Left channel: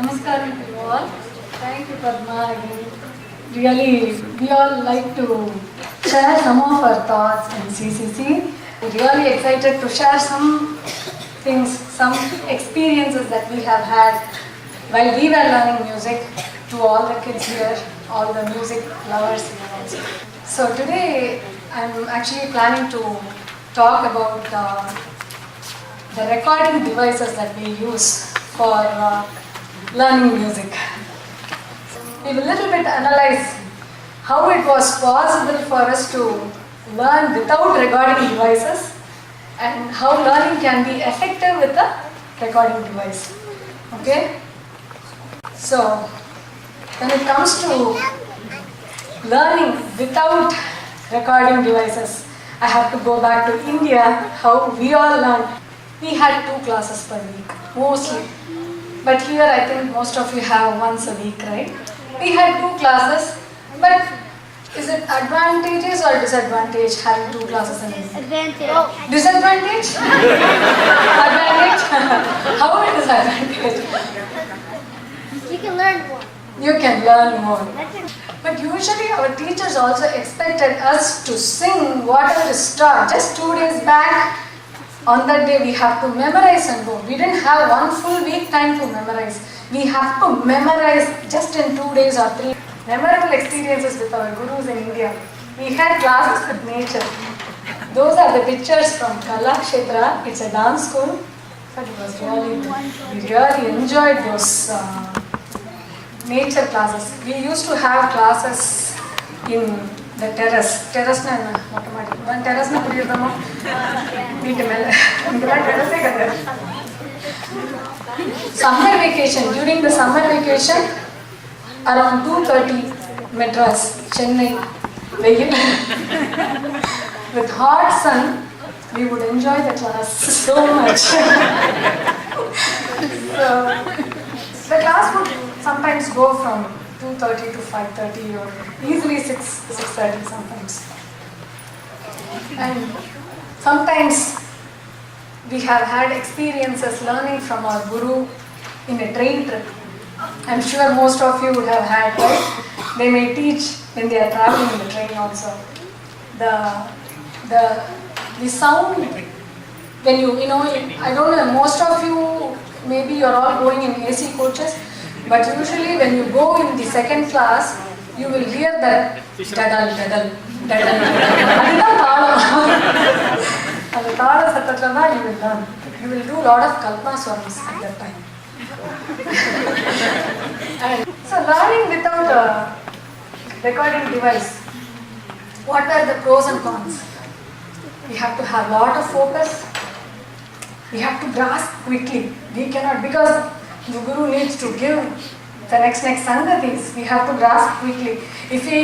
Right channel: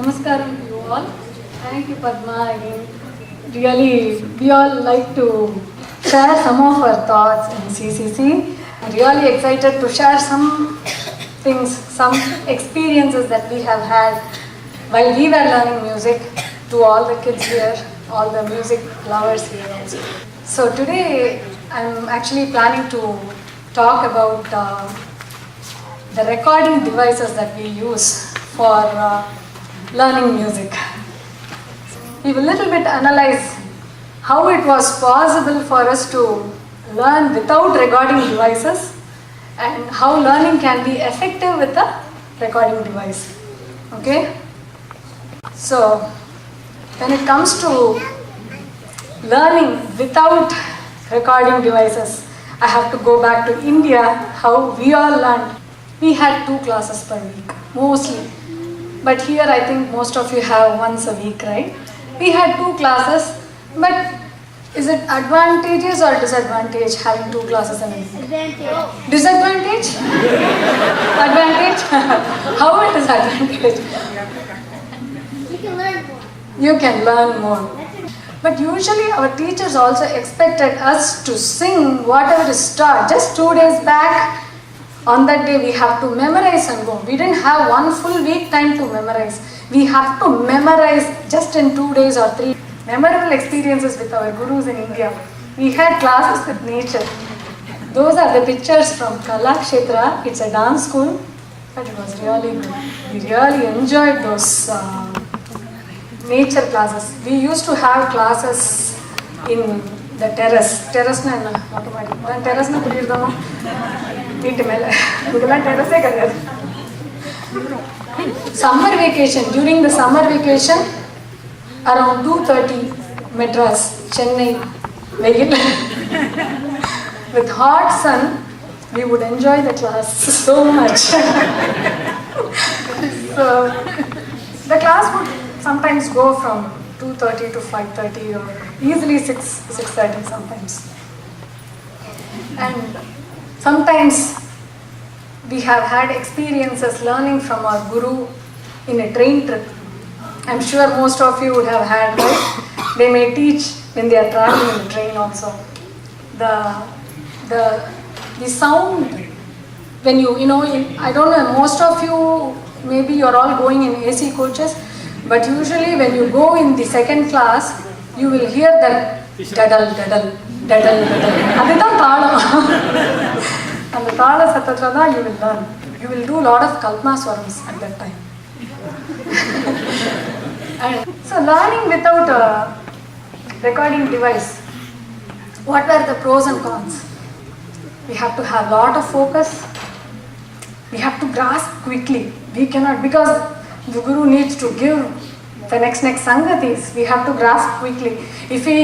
Namaskaram to you all. Thank you, Padma. Again. Really, we all like to share some of our thoughts in CCC. Really excited to share some things, some experiences that we have had while we were learning music to all the kids here, all the music lovers here also. So today, I'm actually planning to talk about the recording devices that we use for learning music. We will a little bit analyze how it was possible for us to learn without recording devices and how learning can be effective with a recording device. Okay? So, when it comes to learning without recording devices, I have to go back to India, how we all learned. We had 2 classes per week, mostly. But here I think most of you have once a week, right? We had 2 classes, but is it advantages or disadvantage having 2 classes a week? Advantage. Disadvantage? Advantage? How it is advantage? You can learn more. You can learn more. But usually our teachers also expected us to sing whatever is taught. Just 2 days back, on that day we have to memorize and go. We didn't have 1 full week time to memorize. We have to memorize just in 2 days or 3. Memorable experiences with our gurus in India. We had classes with nature. Those are the pictures from Kalakshetra. It's a dance school. But it was really good. We really enjoyed those nature classes. We used to have classes in the terrace. Terrace na automatic. Terrace na kudiyirama. Inti mele. Idella terrace kadadu. Summer vacation. During the summer vacation, around 2:30, Madras, Chennai, Veil. With hot sun, we would enjoy the class so much. So, the class would sometimes go from 2:30 to 5:30 or easily 6:30 sometimes. And sometimes we have had experiences learning from our guru in a train trip. I'm sure most of you would have had that. They may teach when they are traveling in the train also. The sound, when I don't know, most of you, maybe you're all going in AC coaches, but usually when you go in the second class, you will hear that dadal, dadal, dadal, dadal. Adithaan taalam. And the taalam satatla you will learn. You will do a lot of kalpana swarams at that time. So learning without a recording device, what were the pros and cons? We have to have a lot of focus. We have to grasp quickly. We cannot, because the guru needs to give the next sangatis. We have to grasp quickly. If we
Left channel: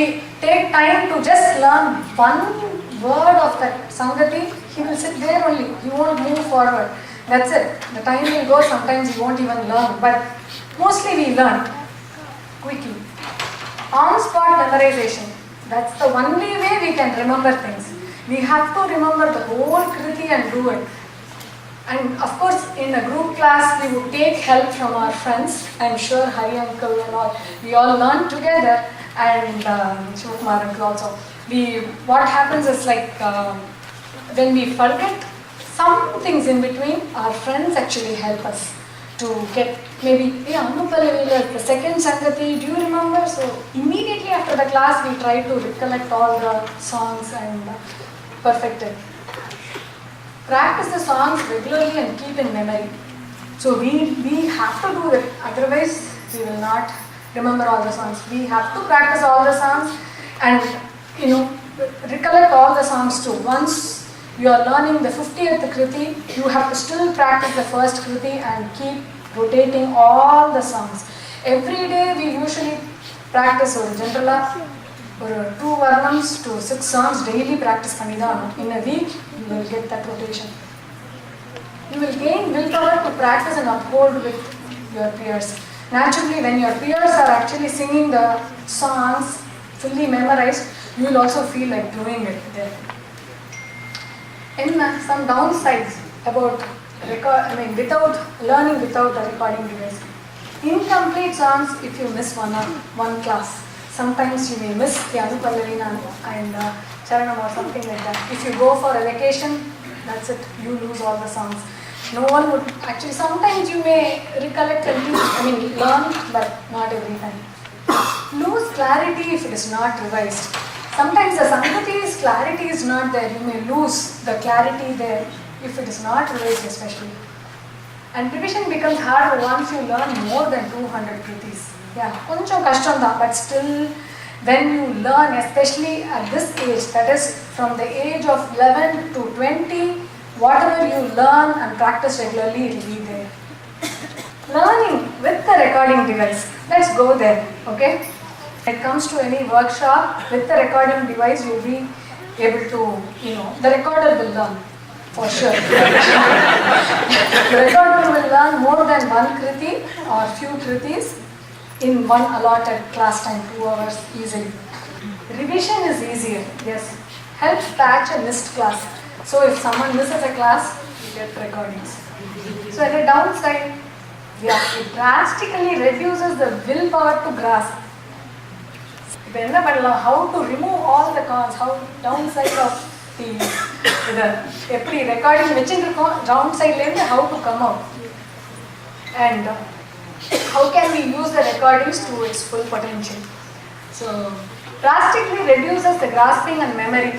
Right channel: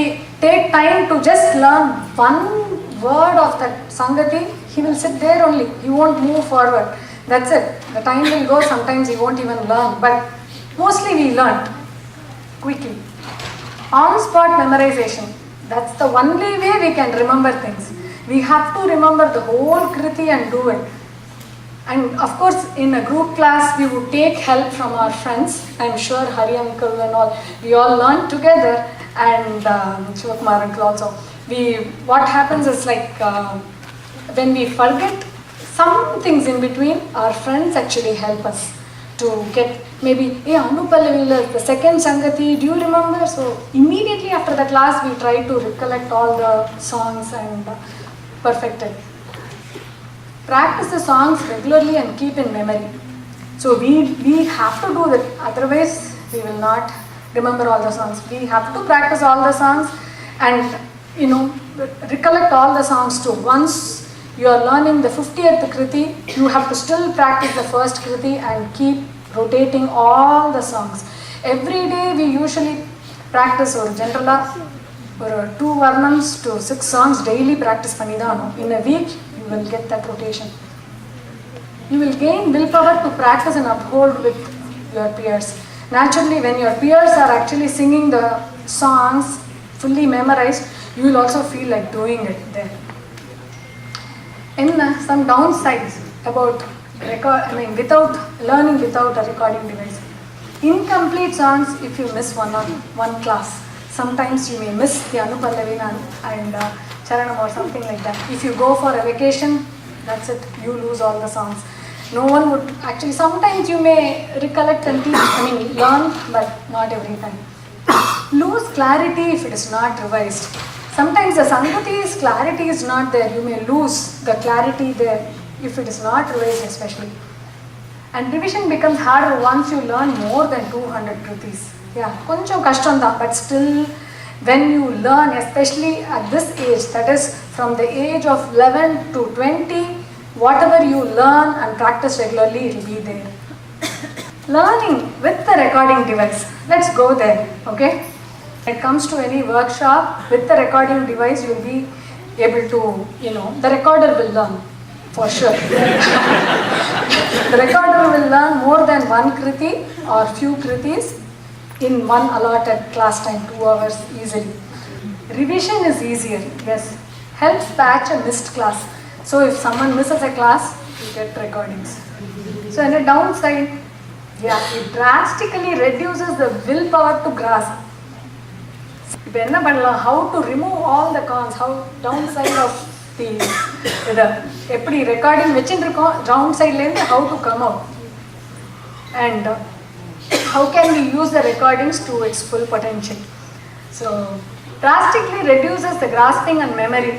take time to just learn one word of that sangati, he will sit there only. He won't move forward. That's it. The time will go. Sometimes he won't even learn. But mostly we learn quickly. On-spot memorization. That's the only way we can remember things. We have to remember the whole kriti and do it. And of course, in a group class, we would take help from our friends. I'm sure Hari uncle and all. We all learn together, and Shivakumar uncle also. What happens is like when we forget some things in between, our friends actually help us to get maybe, the second Sangati, do you remember? So immediately after the class, we try to recollect all the songs and perfect it. Practice the songs regularly and keep in memory. So we have to do that, otherwise we will not remember all the songs. We have to practice all the songs and recollect all the songs too. Once you are learning the 50th kriti, you have to still practice the first kriti and keep rotating all the songs. Every day we usually practice or general 2 varnams to 6 songs daily practice pannidano. In a week you will get that rotation. You will gain willpower to practice and uphold with your peers. Naturally, when your peers are actually singing the songs fully memorized, you will also feel like doing it there. Some downsides about without learning without a recording device. Incomplete songs if you miss one class. Sometimes you may miss the Anupalavina and Charanam or something like that. If you go for a vacation, that's it, you lose all the songs. No one would, actually sometimes you may recollect and learn, but not every time. Lose clarity if it is not revised. Sometimes the Sangati's clarity is not there. You may lose the clarity there if it is not revised especially. And revision becomes harder once you learn more than 200 kritis. Yeah, koncham kashtam da, but still when you learn, especially at this age, that is from the age of 11 to 20, whatever you learn and practice regularly, it will be there. Learning with the recording device. Let's go there, okay? When it comes to any workshop, with the recording device, you will be able to, the recorder will learn, for sure. The recorder will learn more than one kriti or few kritis in one allotted class time, 2 hours easily. Revision is easier, yes. Helps patch a missed class. So if someone misses a class, you get recordings. So in a downside, it drastically reduces the willpower to grasp. How to remove all the cons, how downside of the recording downside, how to come out. And how can we use the recordings to its full potential. So drastically reduces the grasping and memory.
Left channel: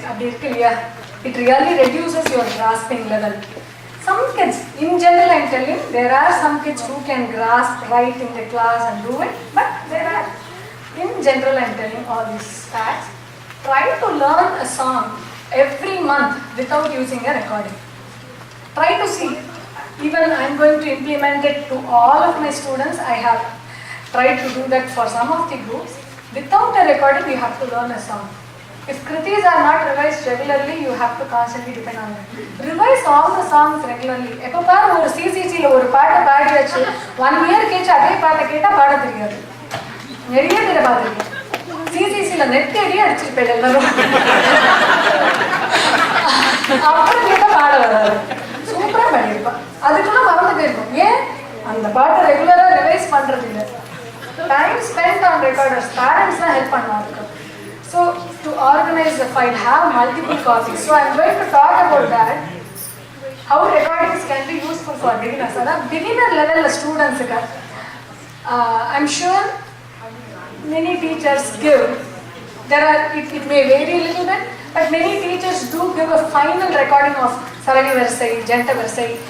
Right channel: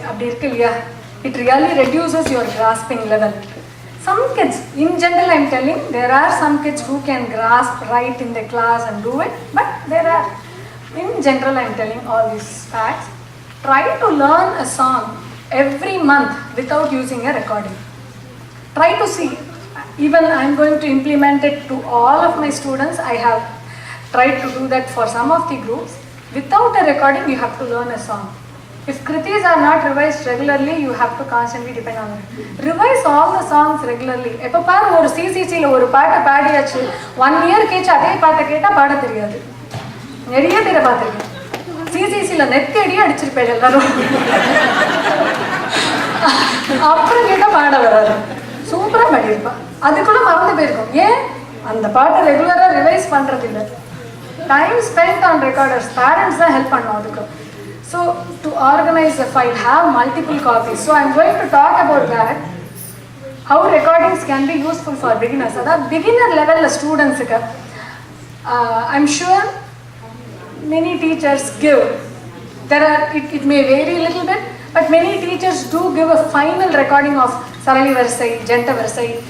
It really reduces your grasping level. Some kids, in general I am telling, there are some kids who can grasp right in the class and do it, but there are, in general I am telling all these facts. Try to learn a song every month without using a recording. Try to see. Even I am going to implement it to all of my students. I have tried to do that for some of the groups. Without a recording, you have to learn a song. If kritis are not revised regularly, you have to constantly depend on it. Revise all the songs regularly. Epo paru oru CCC la oru paata paadiyachu 1 year kecha adhe paata ketta paada theriyadu. Neriya thera paathirken. CCC la net kedi adichirped ellarum. Appo ketta paada varadu. Super padirpa. Adukku marathu poirukom. Yen andha paata regular revise pandradilla. Time spent on recorders. Parents da help pannum adukku. So to organize a file, have multiple copies. So I am going to talk about that. How recordings can be useful for beginners. Beginner level students, I am sure many teachers give. It may vary a little bit, but many teachers do give a final recording of Sarali Varisai, Janta Varisai,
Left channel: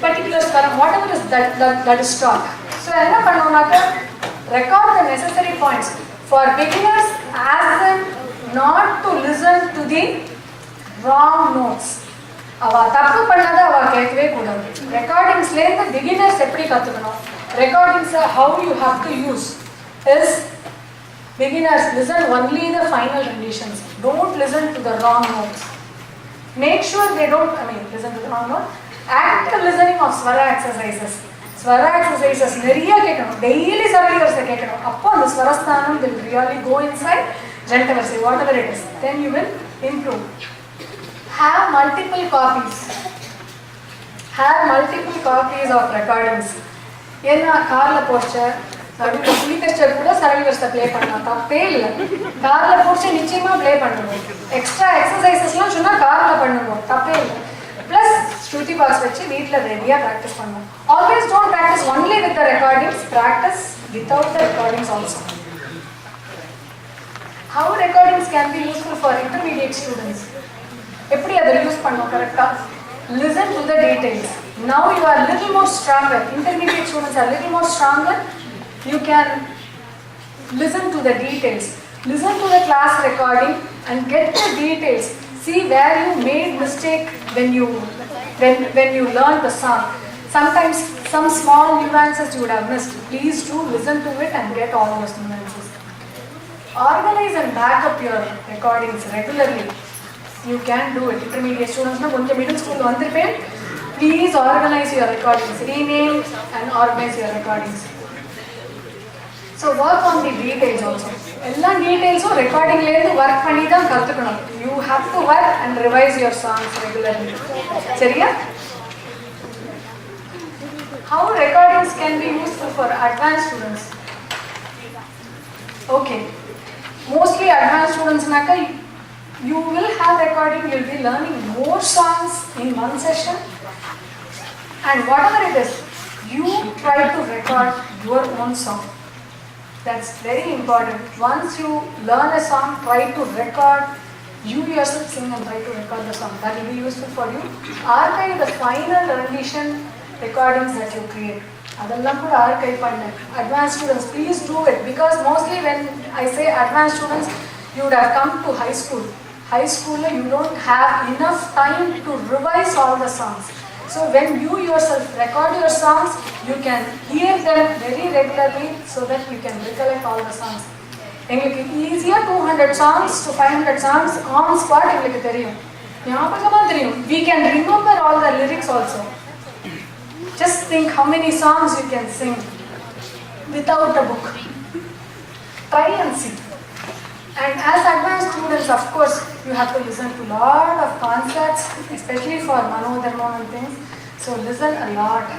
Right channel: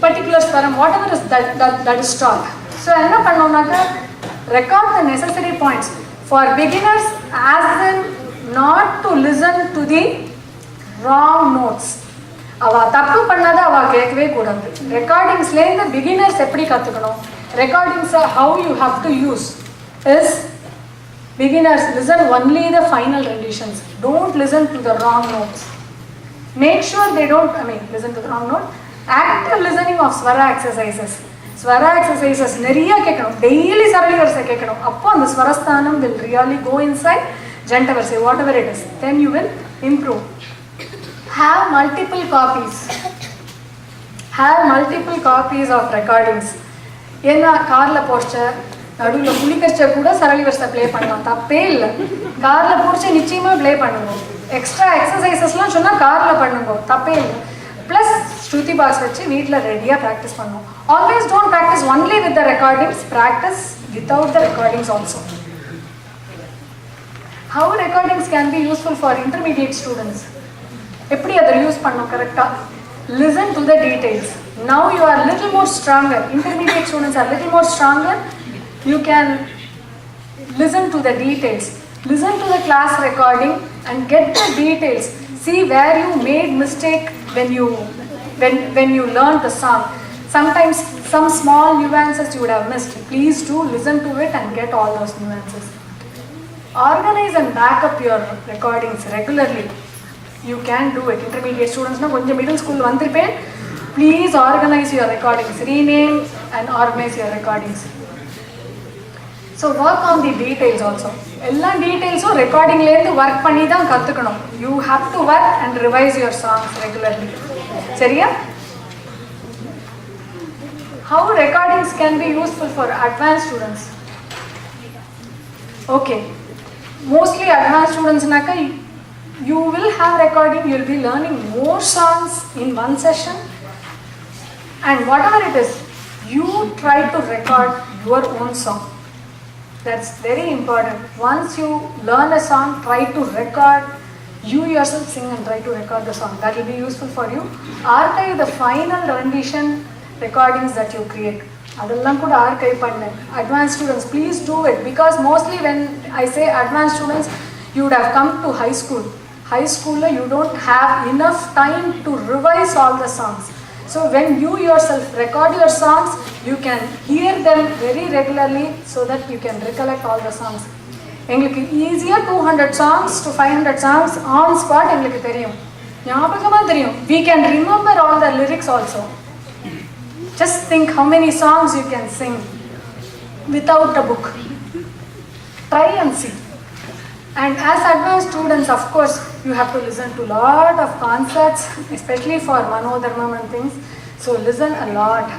particular swaram, whatever is that is taught. So enna pannonaka, record the necessary points. For beginners, ask them not to listen to the wrong notes. Ava tappu pannada ava kekkave koodadu. Recordings la beginners eppadi kathukanum. Recordings how you have to use is beginners listen only the final renditions. Don't listen to the wrong notes. Make sure they don't listen to the wrong note. Active listening of swara exercises. Swara exercises neriya kekkanum, daily Sarali Varisai kekkanum. Appo and swarasthanam will really go inside Janta Varisai, whatever it is. Then you will improve. Have multiple copies. Have multiple copies of recordings. Yenna car la pochu naduvla kulikircha kuda Sarali Varisai play pannalam, tappe illa. Car la pochu nichayama play pannungo. Extra exercises la solla car la pannungo, tappe illa. Plus Shruti box vechi veetla ready practice pannum. Always don't practice only with the recordings, practice without the recordings also. How recordings can be useful for intermediate students? Eppadi adha use pannu correcta? Listen to the details. Now you are a little more stronger. Intermediate students are a little more stronger. You can listen to the details. Listen to the class recording and get the details. See where you made mistake when you learned the song. Sometimes some small nuances you would have missed. Please do listen to it and get all those nuances. Organize and back up your recordings regularly. You can do it. Intermediate students, middle school, please organize your recordings. Rename and organize your recordings. So work on the details also. All details recording work panni dhaan kathukanum. You have to work and revise your songs regularly. Seriya? how recordings can be useful for advanced students? Okay, mostly advanced students, you will have recording, you will be learning more songs in one session, and whatever it is, you try to record your own song. That's very important. Once you learn a song, try to record, you yourself sing and try to record the song. That will be useful for you. Archive the final rendition recordings that you create. Adallam kuda archive pannu. Advanced students, please do it, because mostly when I say advanced students, you would have come to high school. High school, you don't have enough time to revise all the songs. So when you yourself record your songs, you can hear them very regularly so that you can recollect all the songs. எங்களுக்கு ஈஸியாக 200 songs to 500 songs on spot எங்களுக்கு தெரியும், ஞாபகமாக தெரியும். We can remember all the lyrics also. Just think how many songs you can sing without a book. Try and see. And as advanced students, of course, you have to listen to a lot of concerts, especially for Manodharmam and things. So listen a lot.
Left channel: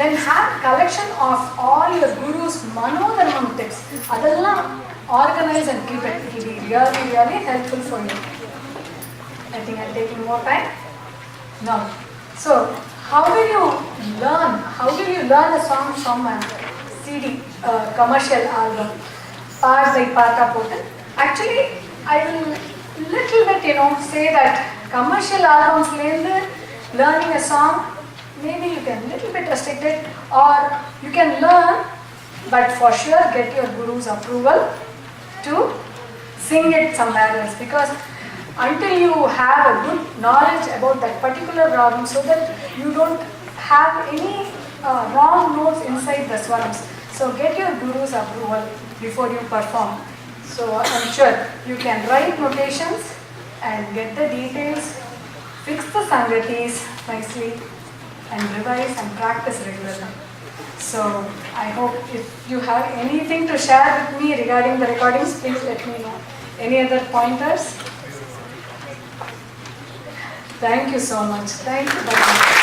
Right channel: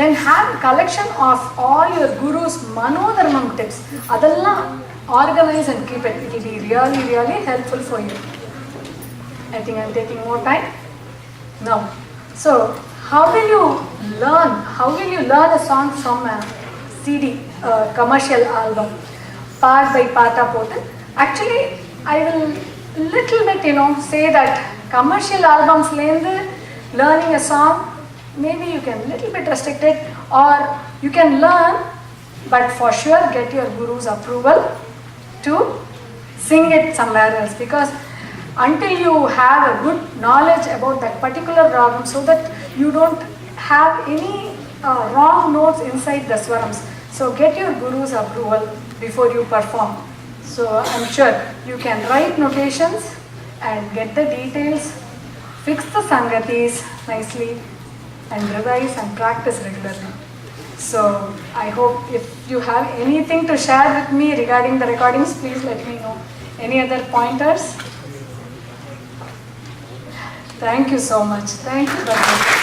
Then have a collection of all your guru's Manodharmam tips. Adalla organize and keep it. It will be really, really helpful for you. I think I'm taking more time. No. So, how will you learn? How will you learn a song from a CD, commercial album? Part by part போட்டு. Actually, I will little bit, say that commercial albums learning a song, maybe you can little bit restrict it, or you can learn, but for sure get your guru's approval to sing it somewhere else, because until you have a good knowledge about that particular ragam, so that you don't have any wrong notes inside the swarams. So get your guru's approval before you perform. So I'm sure you can write notations and get the details, fix the sangatis nicely, and revise and practice regularly. So I hope if you have anything to share with me regarding the recordings, please let me know. Any other pointers? Thank you so much. Thank you, Dr.